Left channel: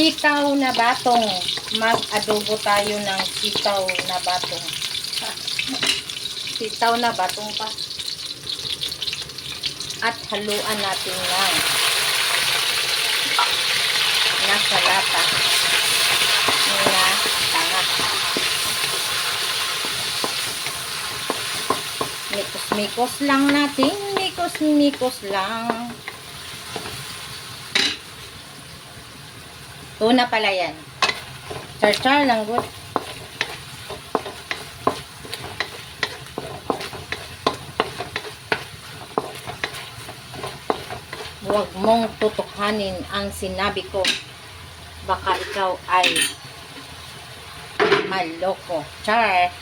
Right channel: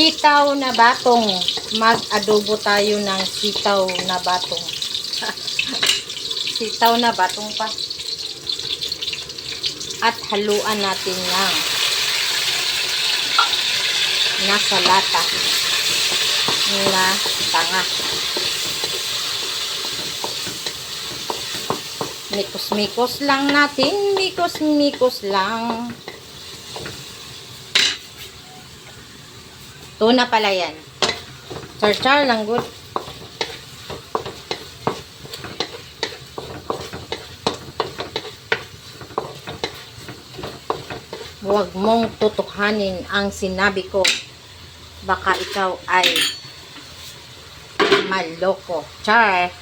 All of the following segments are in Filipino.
Sitaw na batong. Mag-adobo tayo ng sitaw na batong. Sitaw na batong pa. At haluan natin ng nasa lata na tanga. Mikos-mikos lang natin. Mikos-mikos lang. Tuna pala yan. Char-char lang good. Huwag mong tutukhanin ang sinabi ko. Baka ikaw ay maloko. Char.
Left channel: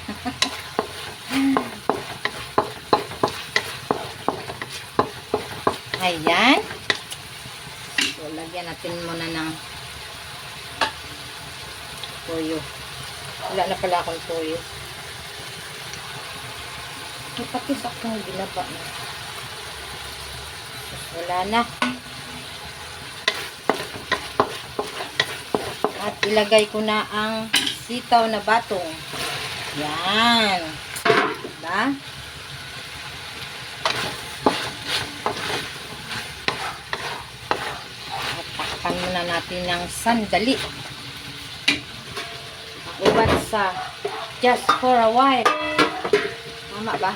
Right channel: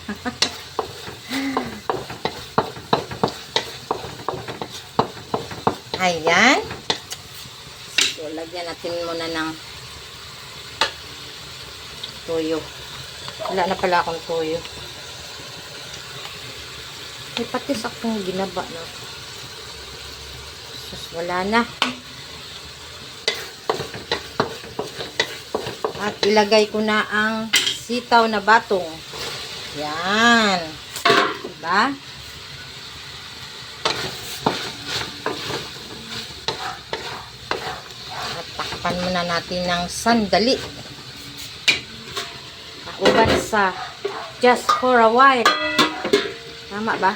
Ayan. So, lagyan natin muna ng toyo. Wala na pala akong toyo. May patis akong binaba na. So, wala na. At ilagay ko na ang sitaw na batong. Yan. Diba? At takpan muna natin ng sandali. Uban sa just for a while. Tama ba?